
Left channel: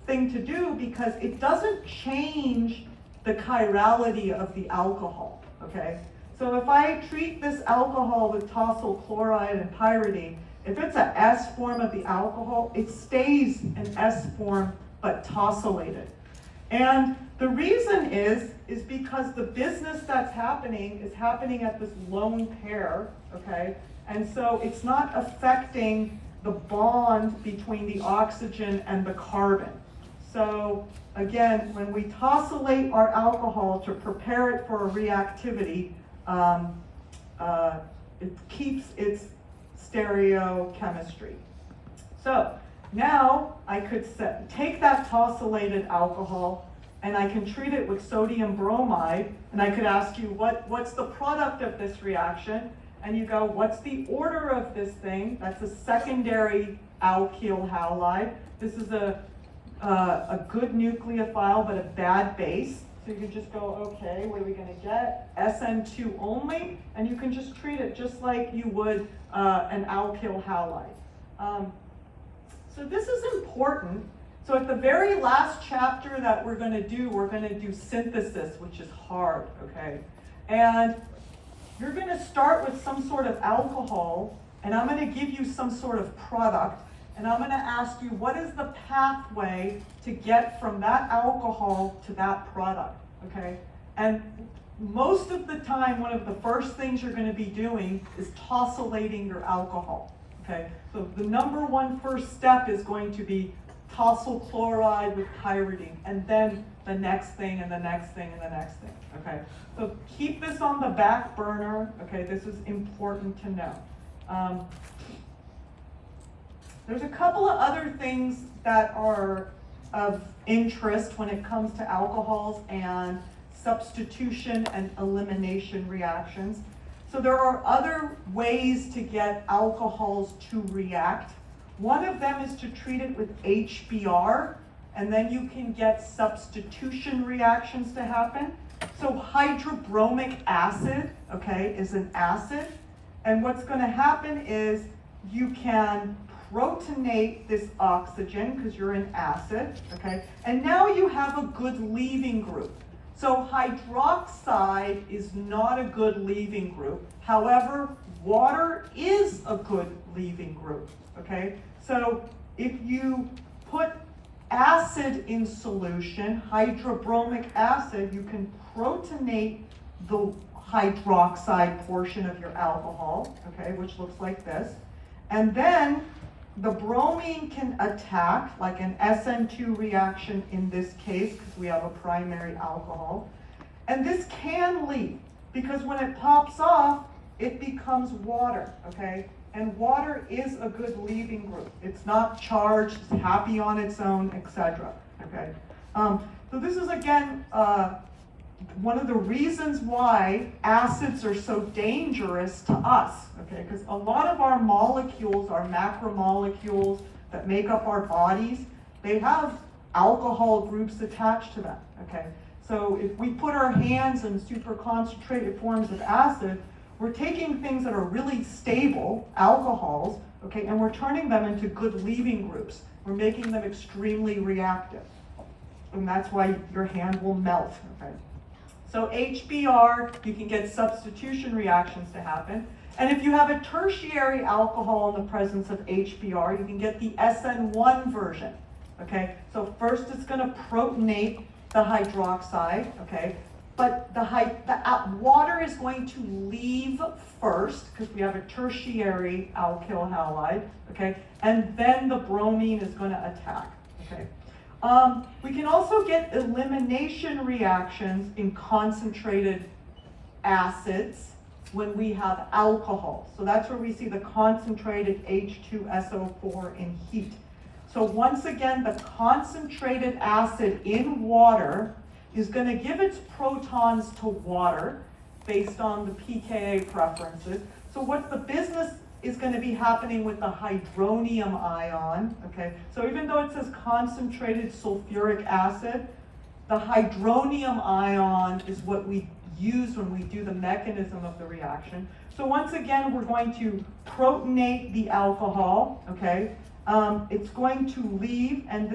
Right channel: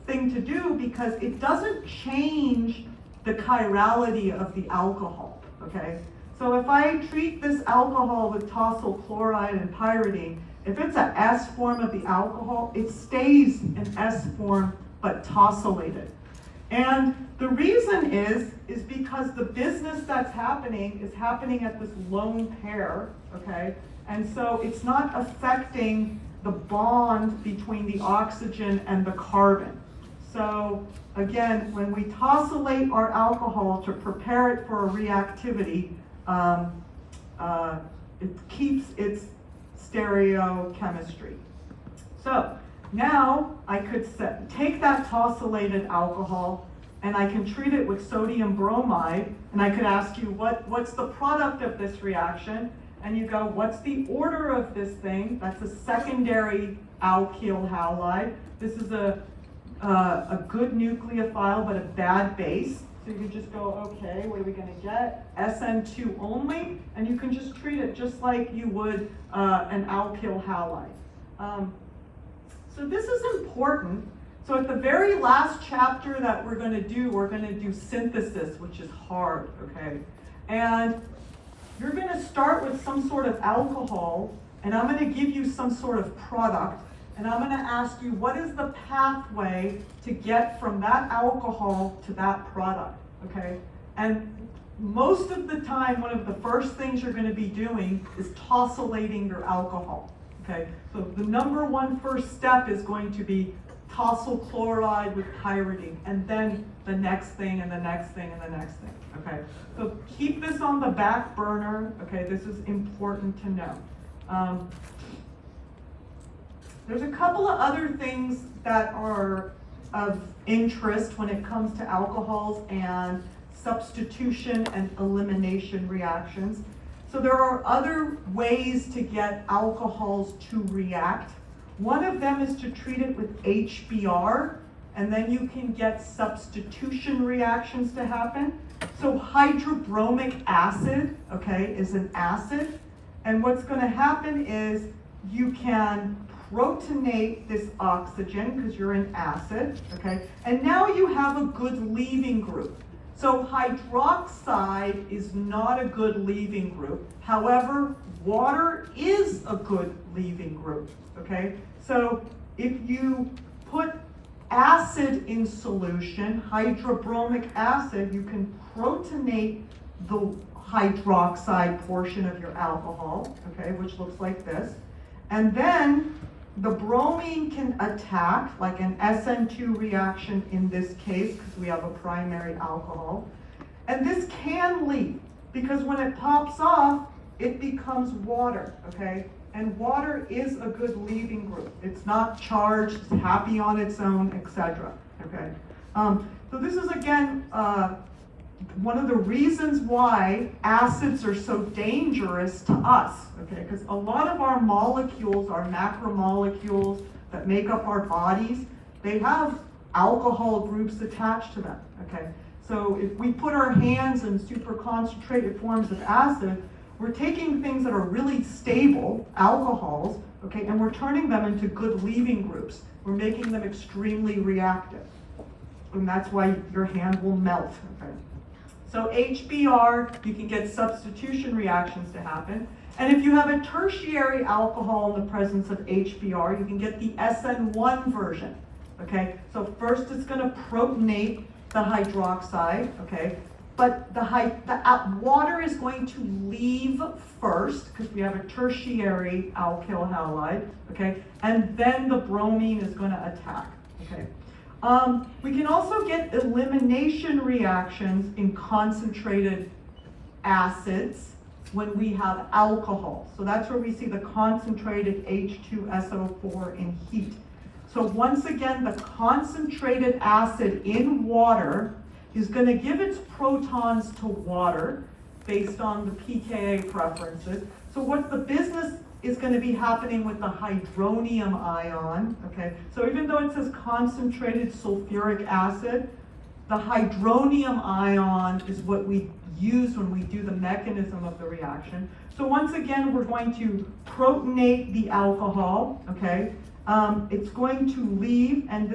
thing to do because it doesn't change the chirality of the alcohol, okay? So if I treat this alcohol with tosyl chloride and pyridine, if it's an S form of the alcohol, it stays an S form but tosylated. And the reason is because the business that's happening is happening at this lone pair, okay? And so it's not affecting the bond between the oxygen and the carbon. So again, when we tosylate our alcohol to prepare it for a reactivity, it keeps its stereochemistry. So now I could take that tosylated alcohol and I can treat it with sodium bromide, and I could ask you, what's the product of this reaction? And you go, what's the order of this thing? That's a secondary alkyl halide. This is a good nucleophile, but a bad base. So you can just go, okay, what are we gonna get? SN2 only, and you can just treat it just like you would an alkyl halide. So this is important. So at the very last chapter that we're gonna do synthesis, which is hard, okay? And you're gonna start with some sort of alcohol, and I'm gonna give you some sort of product, and I'm gonna ask you, what is the pathway to get from that alcohol to that product, okay? And most of the time, one of the first things you're gonna be doing is tosylating your alcohol, okay? So the number one first step is going to be tosyl chloride with pyridine, and then the next thing, and the next thing, and the next thing, okay? So keep this on the back burner, okay? This is important to know. There's a couple of other things that are of interest when it comes to alcohols and substitution and elimination reactions. So there are other ways to get alcohols to react. One of them is to treat it with HBr, and then you can get substitution reactions to happen. So hydrobromic acid, okay, is an acid, and what's going to happen is you can protonate this oxygen because you're an acid, okay, and now you have a good leaving group. So hydroxide is not a good leaving group. However, water is a good leaving group, okay? So if you put acid in solution, hydrobromic acid, you can protonate the hydroxide portion of your alcohol, okay, which looks like this. And then the bromine can attack, like an SN2 reaction in this case, because we have a primary alcohol. And this can leave, because when it pops off, it becomes water, okay? And water is a good leaving group. It's not charged, it's happy on its own, etc. Okay. So this is again one of the reasons why acids are so dangerous to us. Okay, because a lot of our molecules, our macromolecules that make up our bodies, they have alcohol groups attached to them. Okay, so if we put our hands in super concentrated forms of acid, we're taking things that are really stable, alcohols, okay, and we're turning them into good leaving groups. We're making them extremely reactive. And that's why your hand will melt, okay? So HBr, you can get substitution reactions to happen. And if you have a tertiary alcohol in the presence of HBr, you can get the SN1 version, okay? So first it's gonna protonate the hydroxide, okay? But the water is going to leave first, because we have a tertiary alkyl halide, okay? And then the bromine is going to attack, okay? We can also get elimination reactions in concentrated acids when we have alcohol. So that's where we see the concentrated H2SO4 in heat. So once again, the concentrated acid in water is going to give its protons to water based on the pKa preferences. So what the business is going to be happening with the hydronium ion, okay? So even though it says concentrated sulfuric acid, the hydronium ion is what we use when we do the mechanism of the reaction. So once again, we're going to protonate the alcohol, okay? It's going to leave, and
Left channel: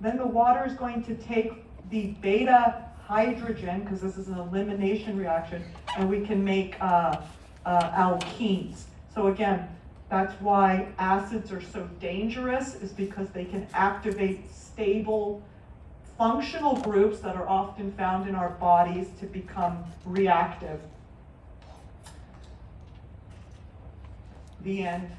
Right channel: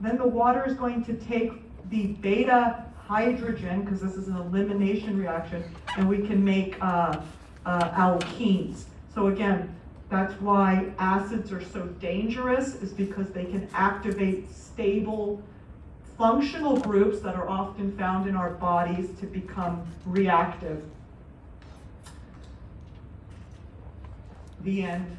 then the water is going to take the beta hydrogen, because this is an elimination reaction, and we can make alkenes. So again, that's why acids are so dangerous, is because they can activate stable functional groups that are often found in our bodies to become reactive. The end.